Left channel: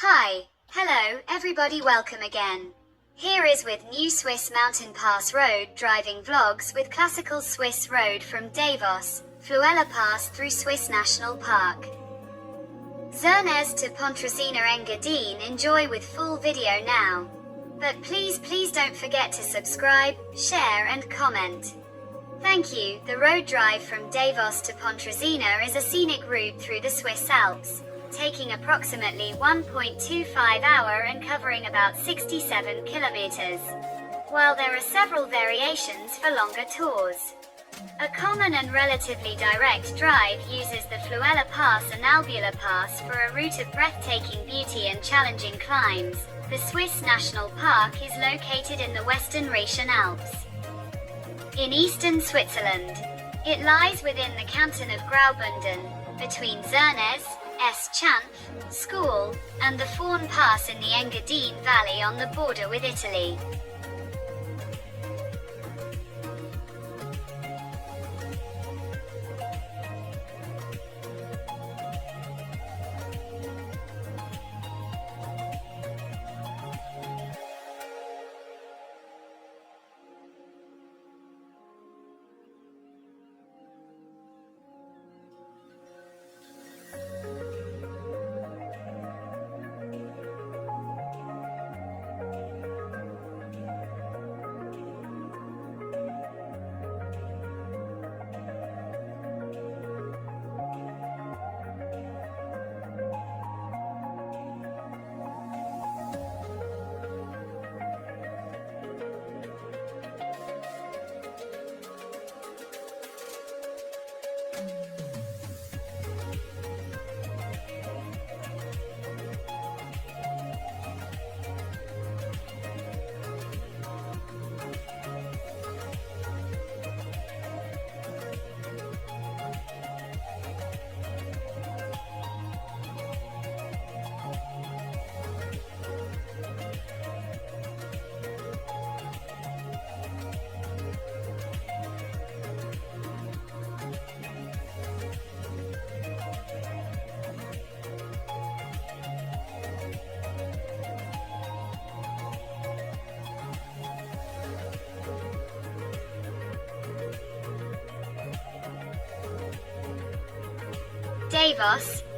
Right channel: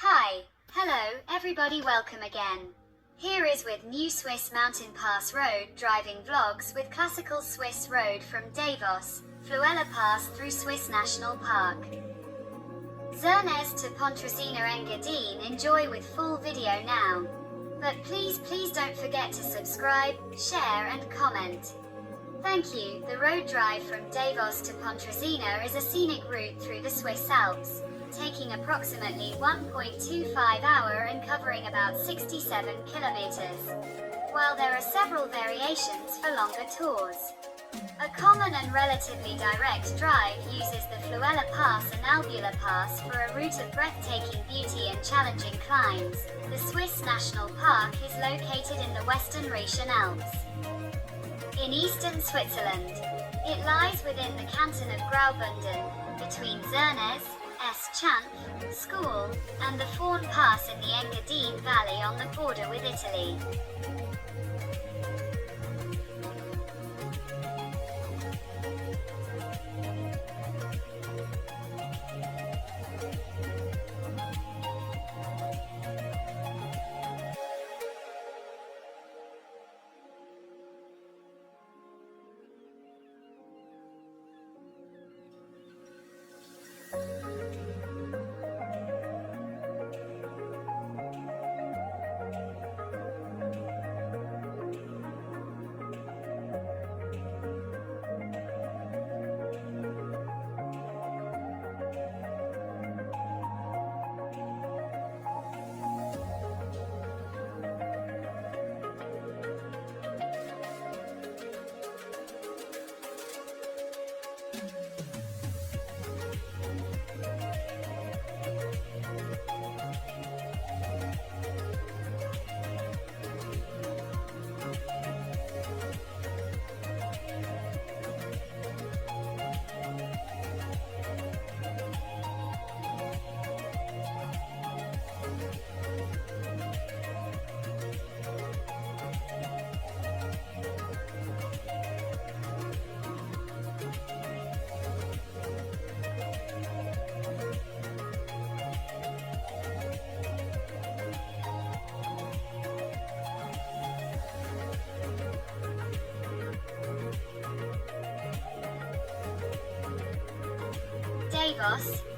Hi, hello, everybody, welcome again. Here is with new Swiss mountain pass road driving vlogs with classical Swiss road from Davos Flüela Pass through Swiss National Park. Zernez to Pontresina Engadin Enjoy with full video now. But please don't forget to subscribe, share and comment. Thank you. The road drive from Davos to Pontresina is a scenic route through the Swiss Alps, taking approximately 1.25 hours and covering about 67 kilometers. While there are several variations for longer tours. A common and relatively direct drive uses the Fuela Pass and Albula Pass for a route of breathtaking beauty and challenging climbs. The Swiss National Park is located in the Western Rhaetian Alps, in eastern Switzerland. It lies within the canton of Graubünden, between Zernez, S-chanf, Scuol, and the Fuorn Pass in the Engadin Valley on the border with Italy.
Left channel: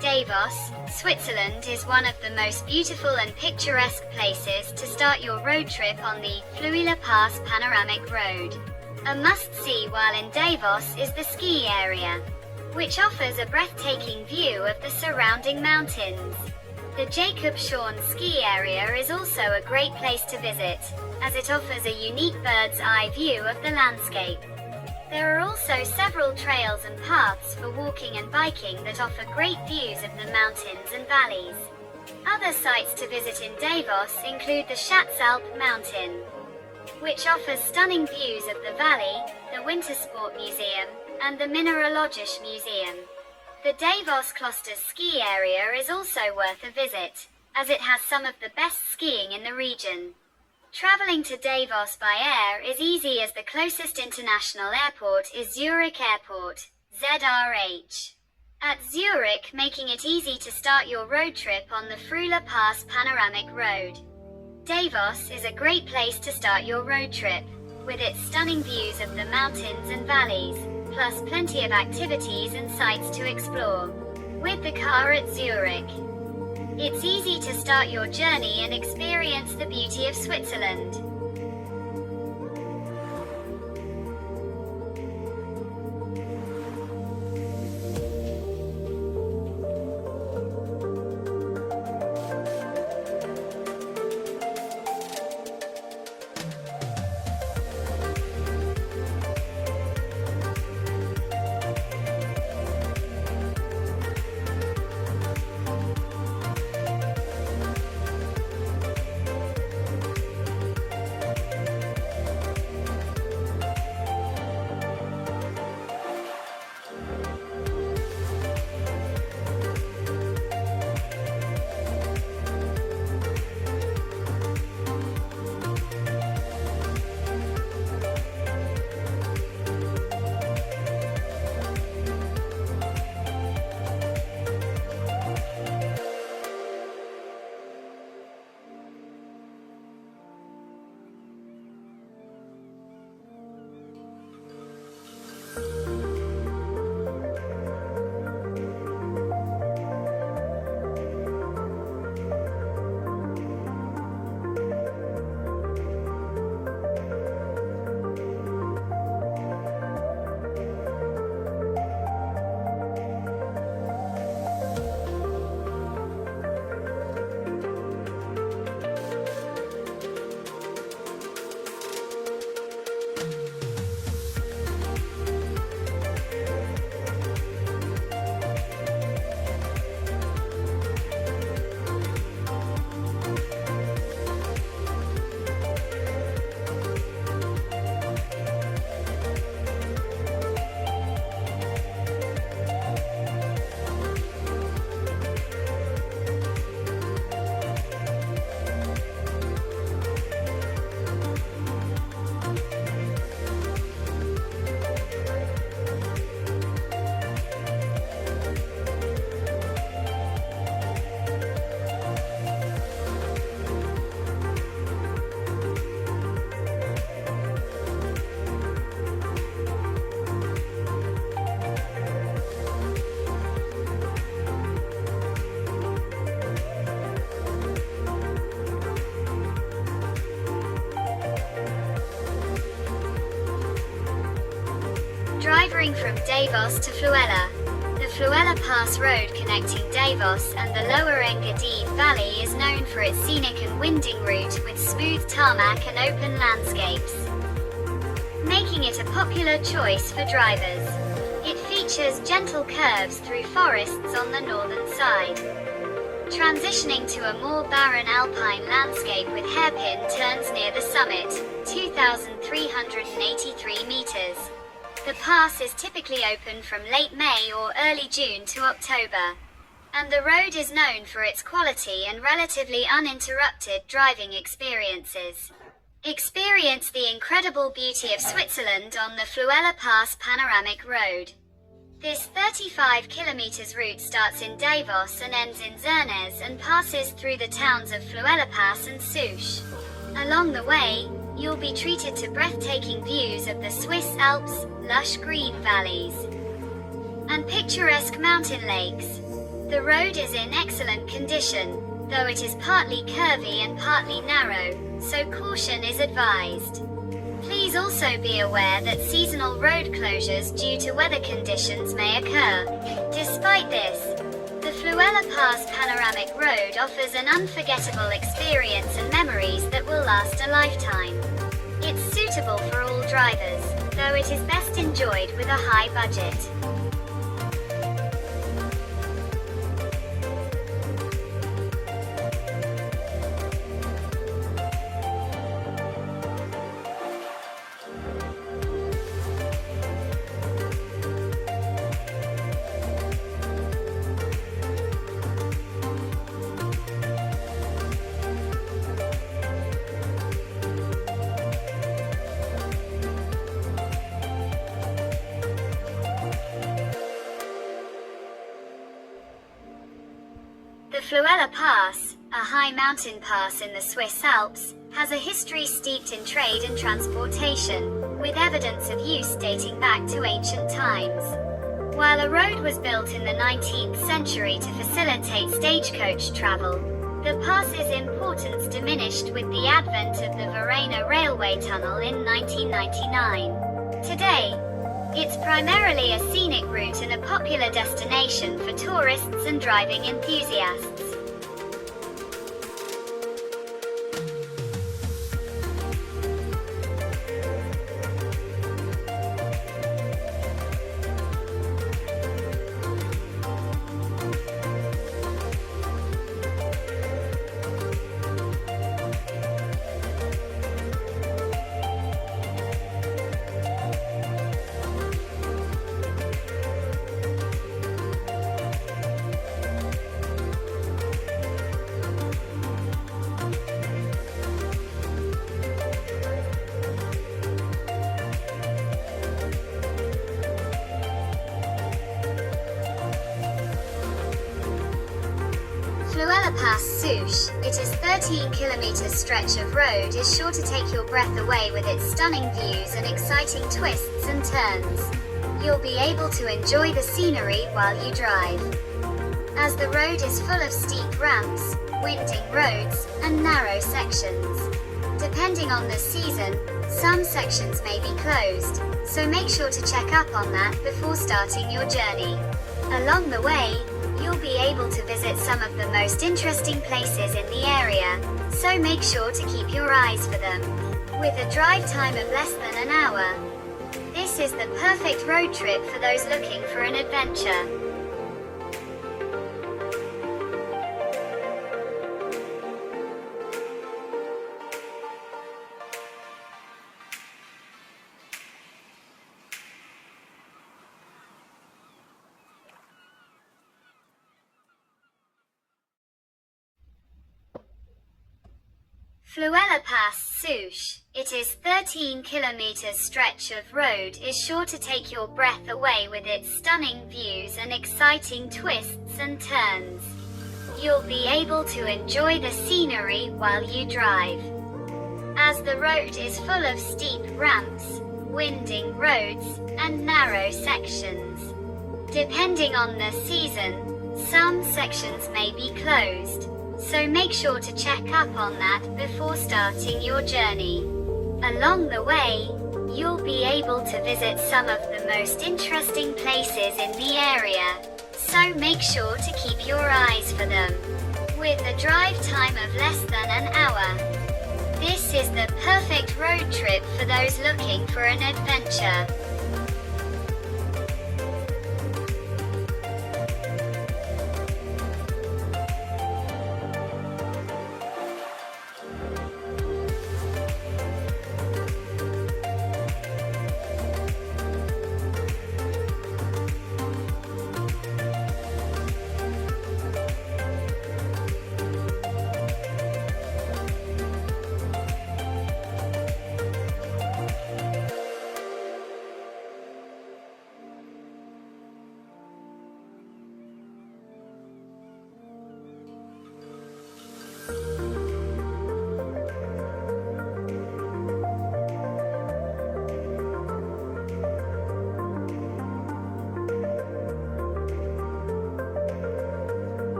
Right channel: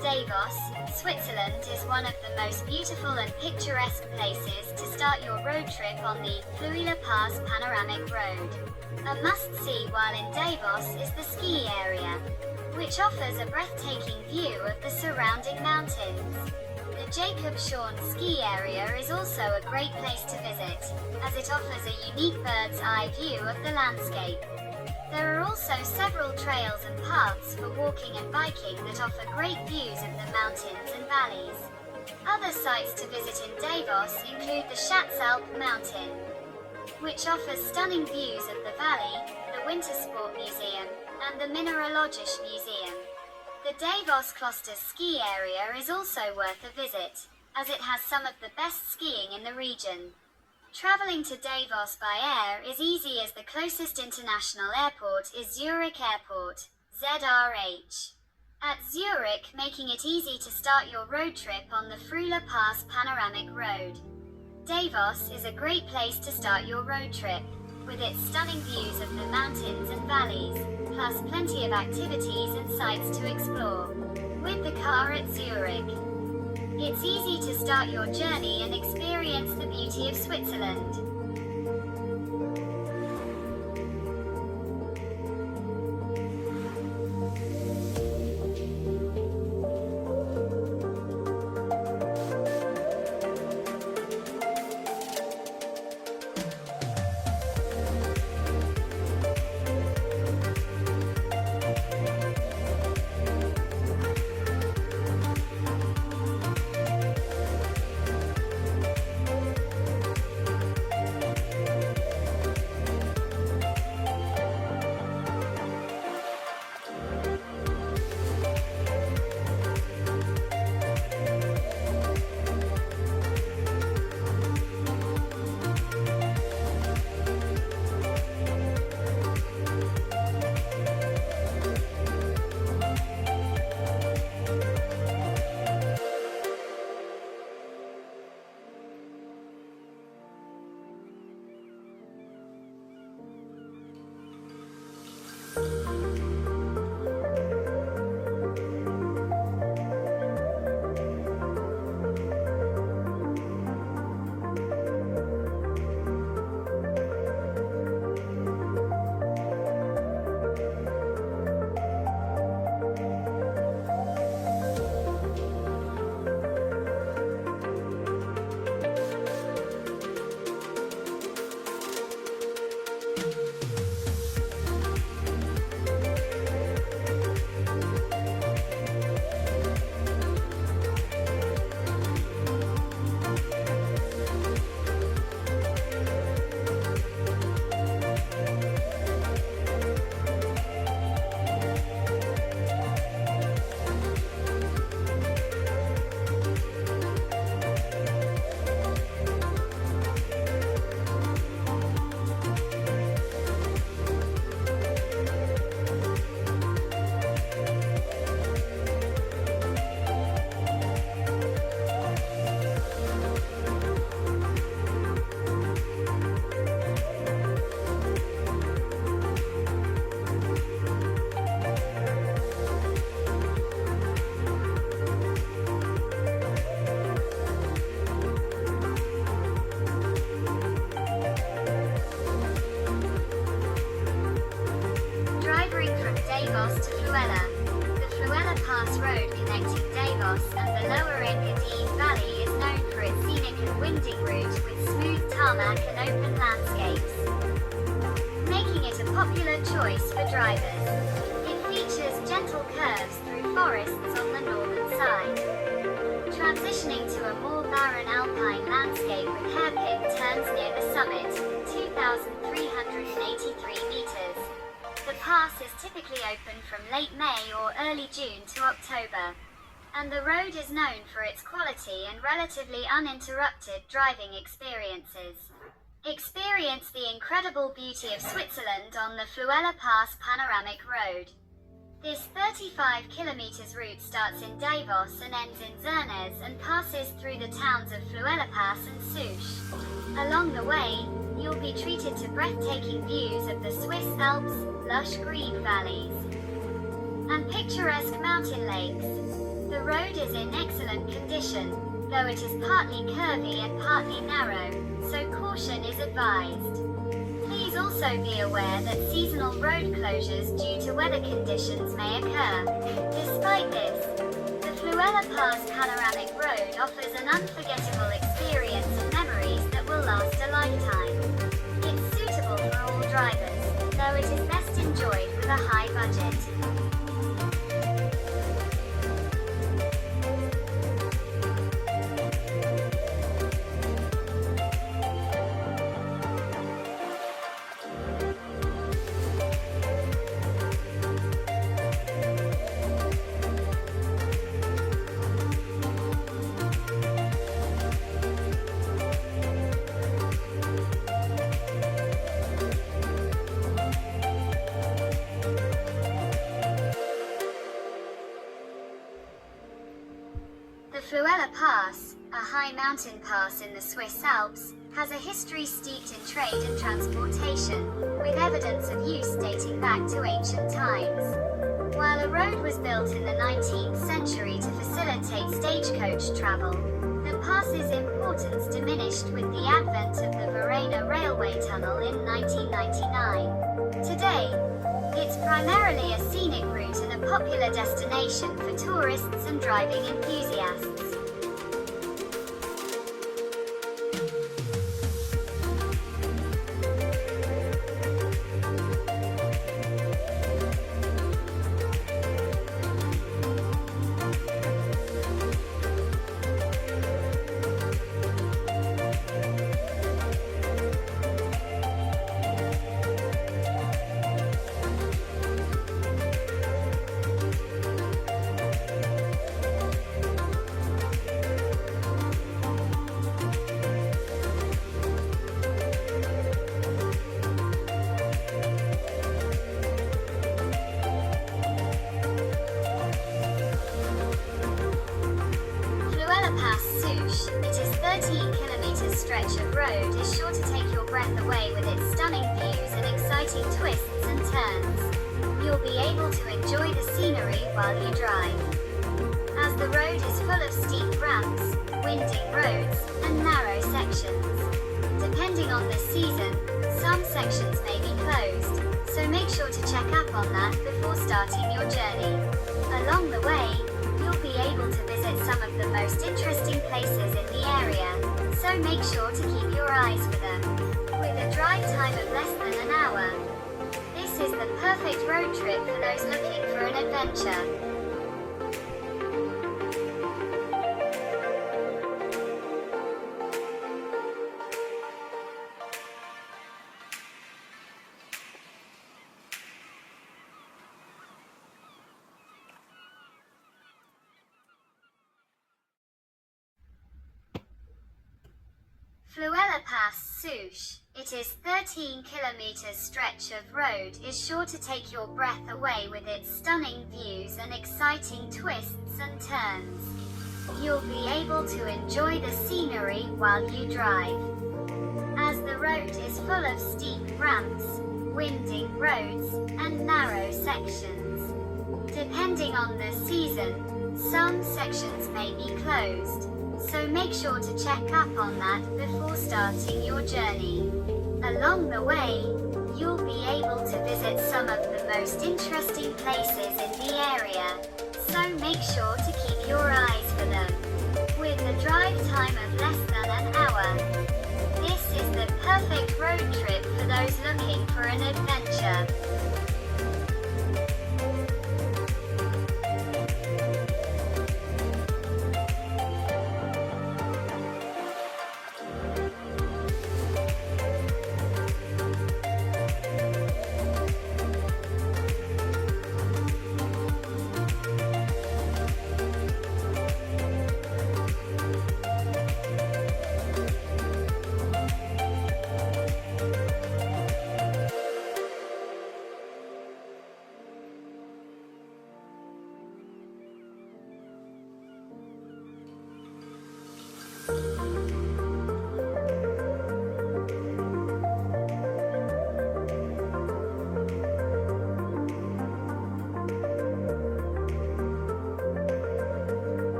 Davos, Switzerland is one of the most beautiful and picturesque places to start your road trip on the Flüela Pass Panoramic Road. A must-see while in Davos is the ski area, which offers a breathtaking view of the surrounding mountains. The Jacob Schorn ski area is also a great place to visit, as it offers a unique bird's-eye view of the landscape. There are also several trails and paths for walking and biking that offer great views of the mountains and valleys. Other sites to visit in Davos include the Schatzalp mountain, which offers stunning views of the valley, the Wintersport Museum, and the Mineralogische Museum. The Davos Kloster ski area is also worth a visit, as it has some of the best skiing in the region. Traveling to Davos by air is easy as the closest international airport is Zurich Airport, ZRH. At Zurich, making it easy to start your road trip on the Flüela Pass Panoramic Road. Davos is a great place to start your road trip, with its stunning views of the mountains and valleys, plus plenty of activities and sights to explore. With the car at Zurich, it's easy to start your journey and experience the beauty of Switzerland. Davos to Fluela. The Fluela Pass road connecting Davos and the lower Engadin Valley is known for its scenic and winding route with smooth tarmac and open landscapes, making it a popular choice for drivers. It features gentle curves through forests on the northern side, transitioning to a more barren alpine landscape with hairpin turns near the summit, 2,383 meters. The pass is typically open from late May or early June to October, and the road is known for its quality and relatively uninterrupted driving experiences. Experience the incredible beauty of Switzerland on the Flüela Pass Panoramic Road. This 35 km route starts in Davos and ends in Zernez and passes through the towns of Fuorn Pass and Scuol. Along the way, you'll be treated to breathtaking views of the Swiss Alps, lush green valleys, and picturesque mountain lakes. The road is in excellent condition, though it is partly curvy and partly narrow, so caution is advised. Please also be aware that seasonal road closures due to weather conditions may occur. Despite this, the Fluela Pass Panoramic Road offers an unforgettable experience and memories that will last a lifetime. It's suitable for all drivers, though it is best enjoyed with a high budget. The Fluela Pass, a high mountain pass in the Swiss Alps, has a history steeped in trade and transportation, with evidence of use dating back to ancient times. While a road was built in the 19th century to facilitate stagecoach travel, the pass's importance diminished with the advent of the Verena railway tunnel in 1999. Today, it's primarily a scenic route and a popular destination for tourists and driving enthusiasts. Pass Scuol, its 13 km stretch of road is sure to take your breath away with its stunning views and exciting twists and turns. You'll be able to enjoy the scenery while you drive, as the road is full of steep ramps, winding roads, and narrow sections. Depending on the season, some sections may be closed, so make sure to check up on that before starting your journey. Along the way, you'll be able to visit some of the most interesting places in the area, so make sure to keep your eyes for them. With a drive time of less than an hour, this is the perfect road trip for those looking for an adventure. Fluela Pass Scuol, it is 13 km stretch of road is sure to take your breath away with its stunning views and exciting twists and turns. You'll be able to enjoy the scenery while you drive, as the road is full of steep ramps, winding roads, and narrow sections. Depending on the season, some sections may be closed, so make sure to check up on that before starting your journey. Along the way, you'll be able to visit some of the most interesting places in the area, so make sure to keep your eyes for them. With a drive time of less than an hour, this is the perfect road trip for those looking for an adventure.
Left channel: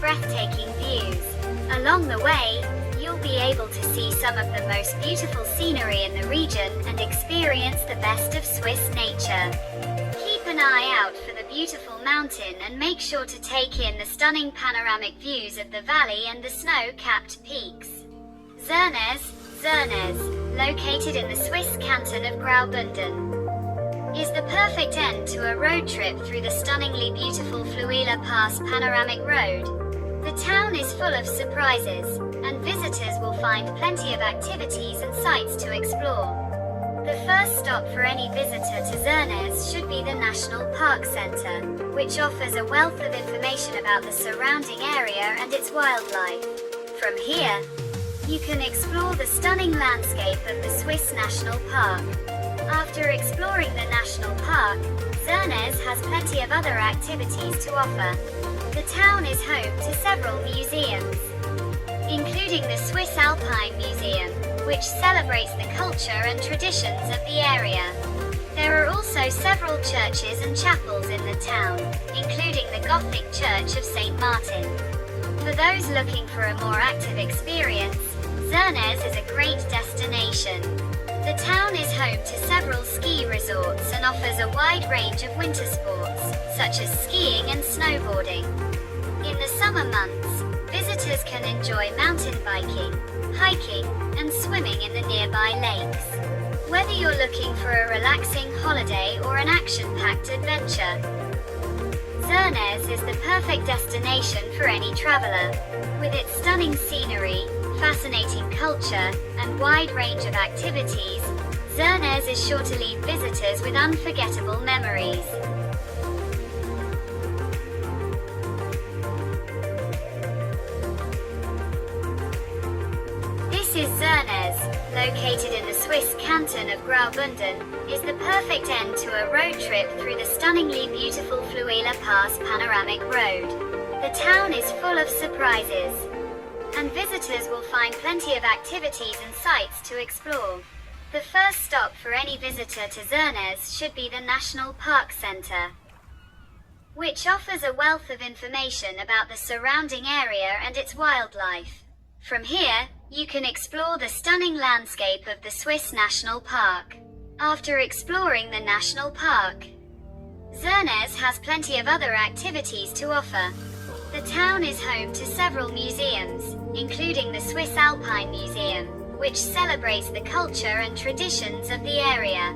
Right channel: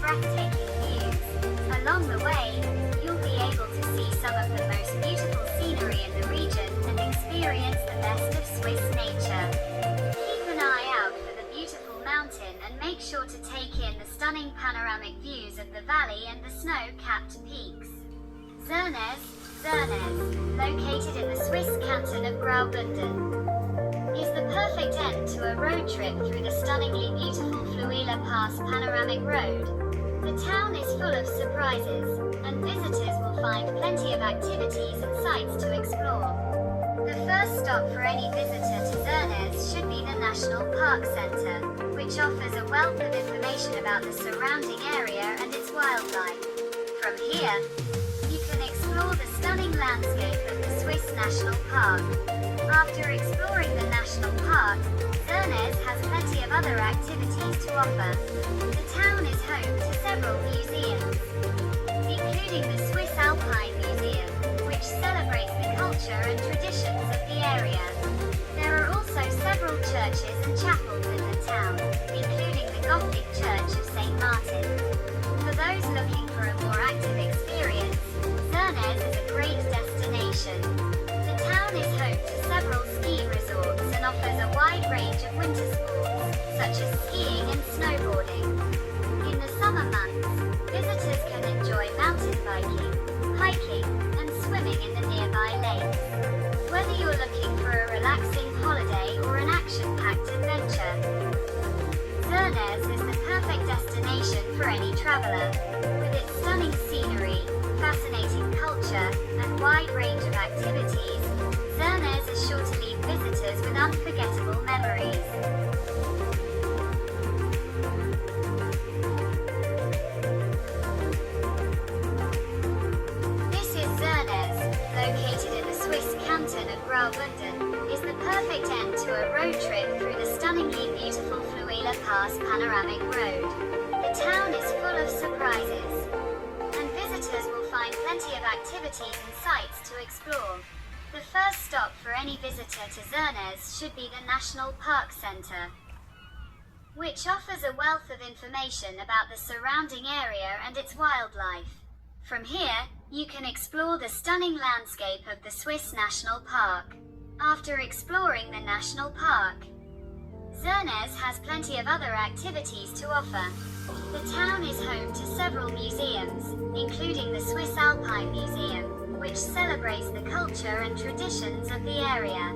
breathtaking views. Along the way, you'll be able to see some of the most beautiful scenery in the region and experience the best of Swiss nature. Keep an eye out for the beautiful mountain and make sure to take in the stunning panoramic views of the valley and the snow-capped peaks. Zernez, located in the Swiss canton of Graubünden, is the perfect end to a road trip through the stunningly beautiful Flüela Pass Panoramic Road. The town is full of surprises, and visitors will find plenty of activities and sights to explore. The first first stop for any visitor to Zernez should be the National Park Centre, which offers a wealth of information about the surrounding area and its wildlife. From here, you can explore the stunning landscape of the Swiss National Park. After exploring the national park, Zernez has plenty of other activities to offer. The town is home to several museums, including the Swiss Alpine Museum, which celebrates the culture and traditions of the area. There are also several churches and chapels in the town, including the Gothic Church of St. Martin. For those looking for a more active experience, Zernez is a great destination. The town is home to several ski resorts and offers a wide range of winter sports, such as skiing and snowboarding. In the summer months, visitors can enjoy mountain biking, hiking, and swimming in the nearby lakes. Whether you're looking for a relaxing holiday or an action-packed adventure, Zernez is the perfect destination for any traveler. With its stunning scenery, fascinating culture, and wide range of activities, Zernez is sure to leave visitors with unforgettable memories. Located in the Swiss canton of Graubünden, is the perfect end to a road trip through the stunningly beautiful Fluela Pass Panoramic Road. The town is full of surprises, and visitors will find plenty of activities and sights to explore. The first stop for any visitor to Zernez should be the National Park Centre, which offers a wealth of information about the surrounding area and its wildlife. From here, you can explore the stunning landscape of the Swiss National Park. After exploring the national park, Zernez has plenty of other activities to offer. The town is home to several museums, including the Swiss Alpine Museum, which celebrates the culture and traditions of the area.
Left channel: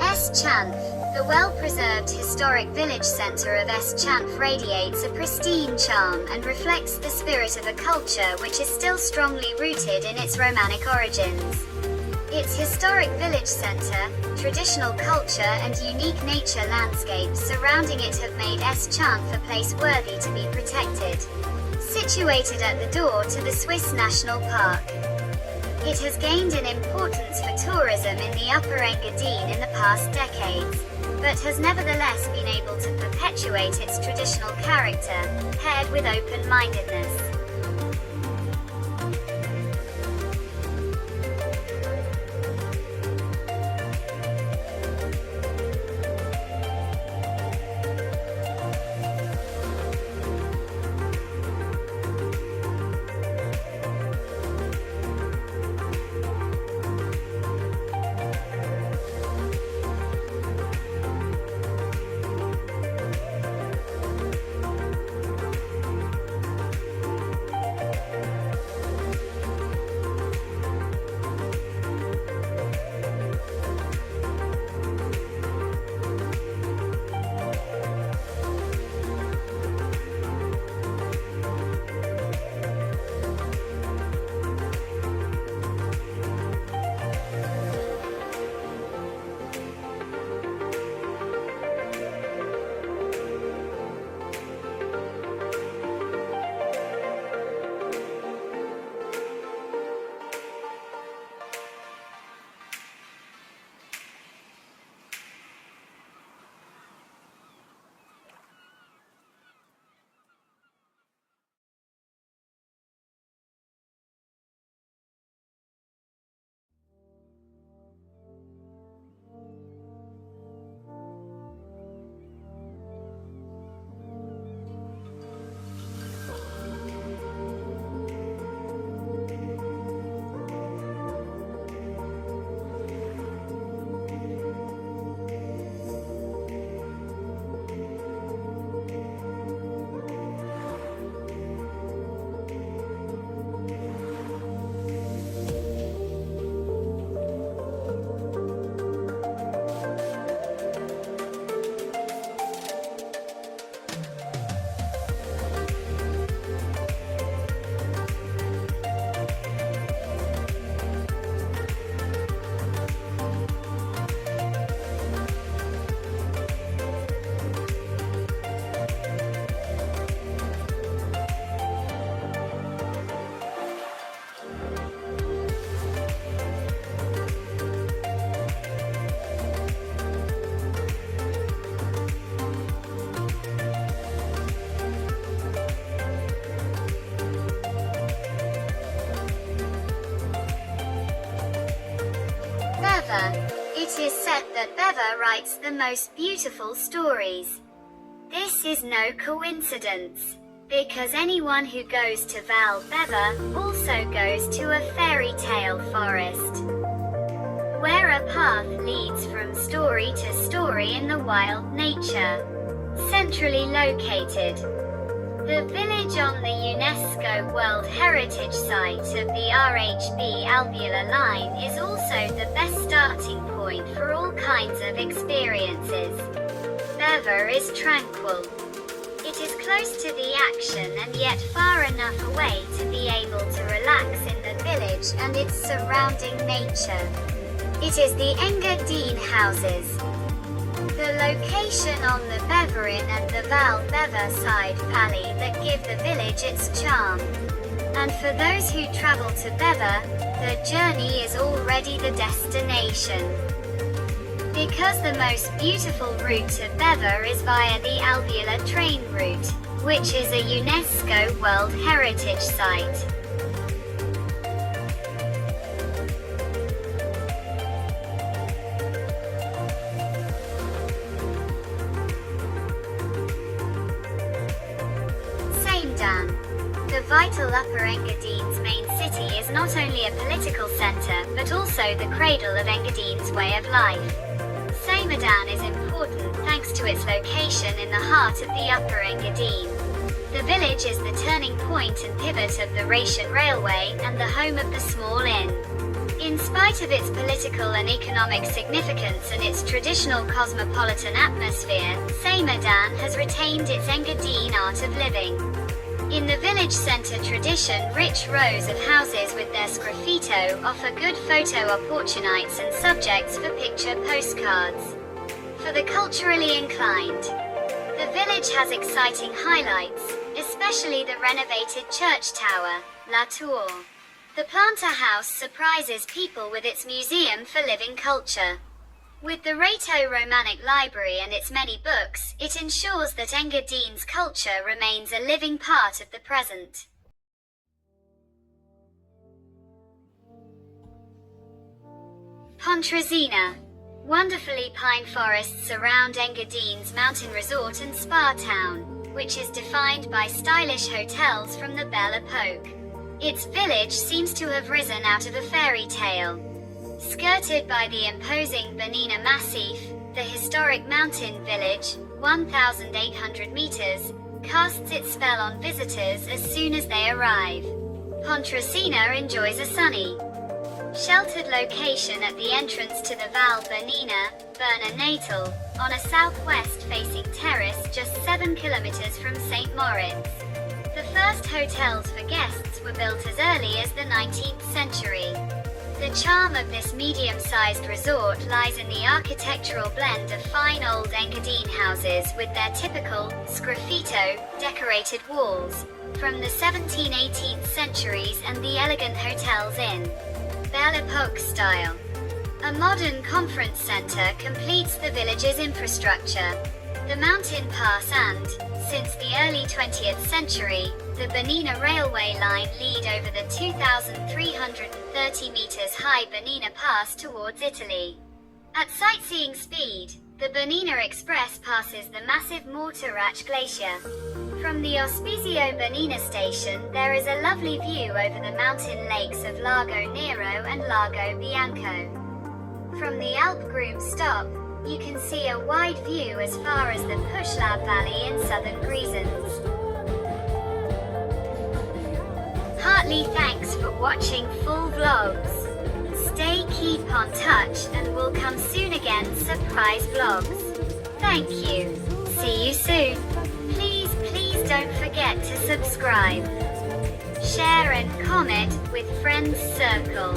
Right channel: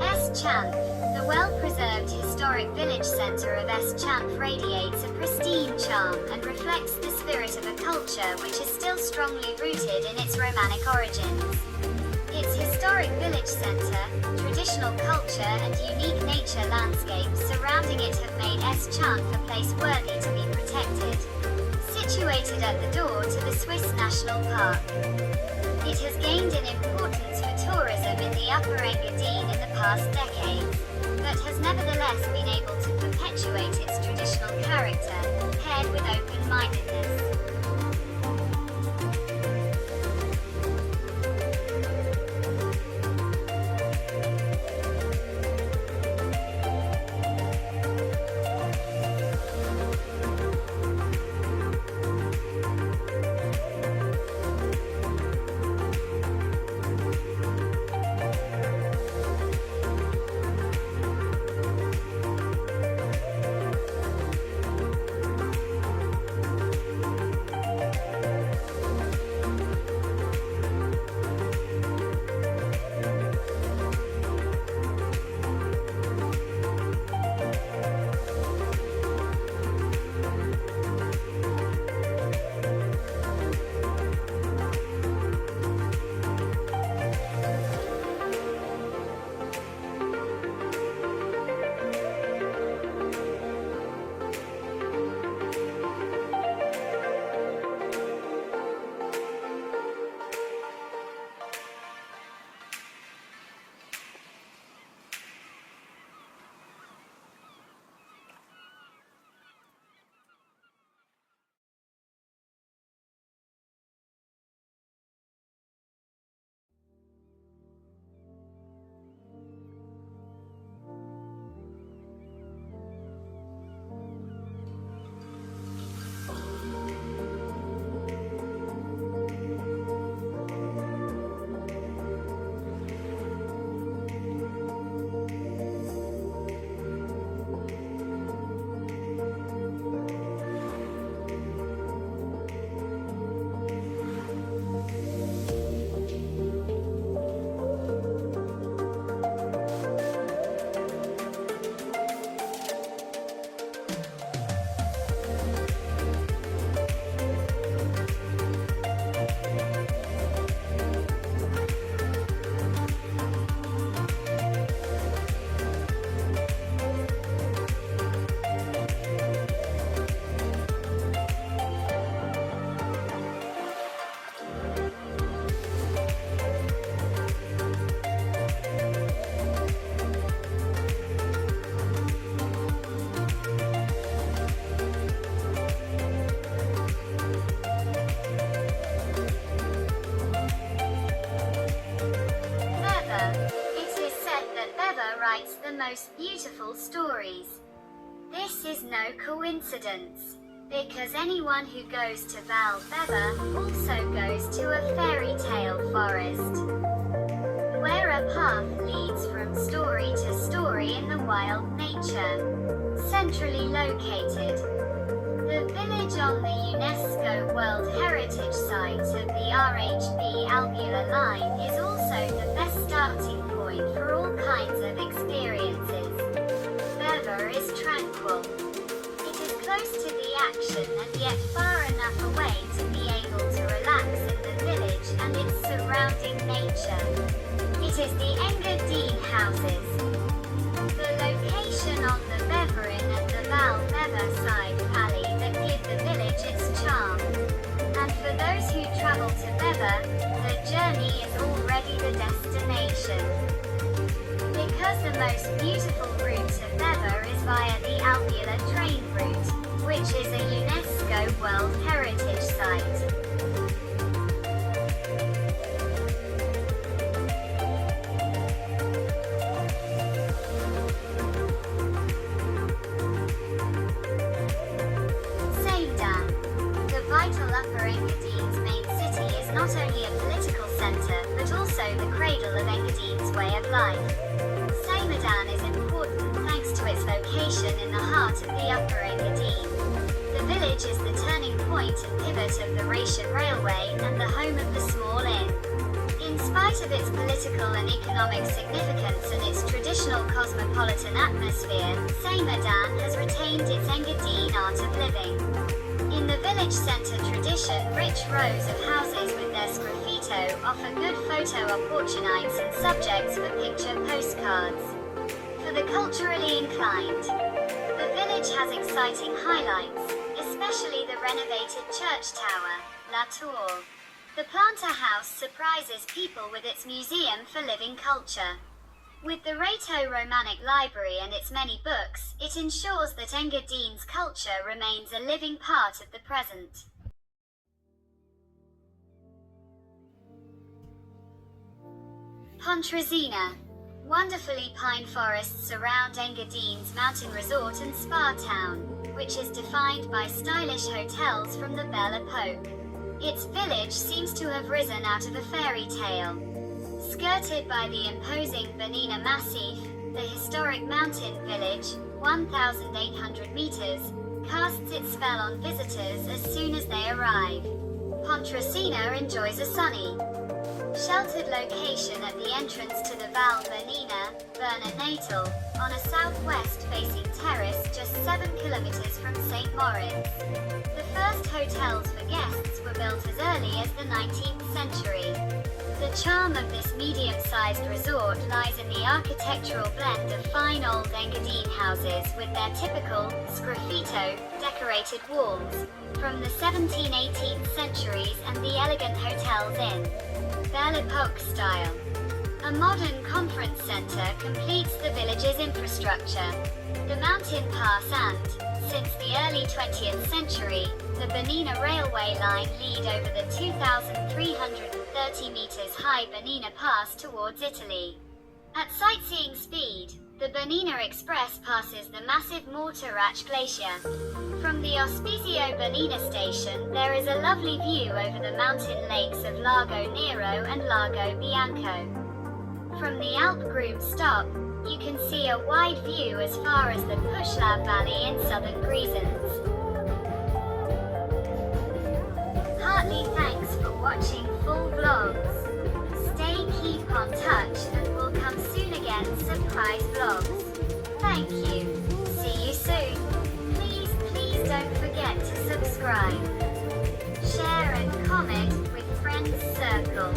S-chanf. The well-preserved historic village centre of S-chanf radiates a pristine charm and reflects the spirit of a culture which is still strongly rooted in its Romanic origins. Its historic village centre, traditional culture and unique nature landscapes surrounding it have made S-chanf a place worthy to be protected. Situated at the door to the Swiss National Park, it has gained in importance for tourism in the Upper Engadin in the past decades, but has nevertheless been able to perpetuate its traditional character, paired with open-mindedness. writes the most beautiful stories. This is no coincidence, because anyone who goes to Val Beva also goes to a fairy tale forest, where a path leads from story to story in the wild nature. Centrally located, the village on the UNESCO World Heritage Site of the RHB Albula line is also the best starting point for all kinds of experiences. Beva is tranquil. It is close to the action and yet far enough away to be able to relax in the village and its surrounding nature. It is the Engadin houses, the location on the Beverin and the Val Beva side valley that give the village its charm. And for those who travel to Beva, the journey is already the destination. Because the most beautiful route to Beva is via the Albula train route, which is a UNESCO World Heritage Site. Vital Upper Engadin's main city is not only a political centre, but also the cradle of Engadin's way of life. Engadin is important thanks to its location in the heart of the Upper Engadin. The village is the turning point and pivot of the Rhaetian Railway and the home of the small inn. In spite of its political and economic significance and its traditional cosmopolitan atmosphere, Engadin has retained its Engadin art of living. In the village centre tradition, rich rows of houses with their sgraffito offer good photo opportunities and subjects for picture postcards. For the culturally inclined, the village has exciting highlights, especially the renovated church tower, La Tour. The Planter House surprises people with its museum for living culture. With the Rhaeto-Romanic Library and its many books, it ensures that Engadin's culture remains a living part of the present. Pontresina. Wonderfully pine forests surround Engadin's mountain resort and spa town, which is defined by stylish hotels from the Belle Epoque. Its village seems to have risen out of a fairy tale. Skirted by the imposing Bernina Massif, the historic mountain village, 1,800 meters, casts its spell on visitors as soon as they arrive. Pontresina enjoys a sunny, sheltered location at the entrance to the Val Bernina, Berna Natal, on a southwest-facing terrace just 7 kilometers from St. Moritz. The first hotels for guests were built as early as the 19th century. The charm of this medium-sized resort lies in the architectural blend of fine old Engadin houses with their typical, sgraffito, decorated walls, from the 17th-18th centuries and the elegant hotels in Belle Epoque style. A modern conference centre completes the village's infrastructure. The mountain pass and, since the early 20th century, the Bernina railway line lead over the 2,330 meters high Bernina Pass towards Italy. At sightseeing speed, the Bernina Express passes the massive Morteratsch Glacier. From the Ospizio Bernina station, there is a lovely view over the mountain lakes of Lago Nero and Lago Bianco. From the Alp Groom stop, you can see a wide view as far as the Puszla Valley in southern Grisons. Heartily thanks for watching full vlogs. Stay keep on touch and we'll come soon again surprise vlogs. Thank you. See you soon. Please don't forget to subscribe. Share and comment with friends circle.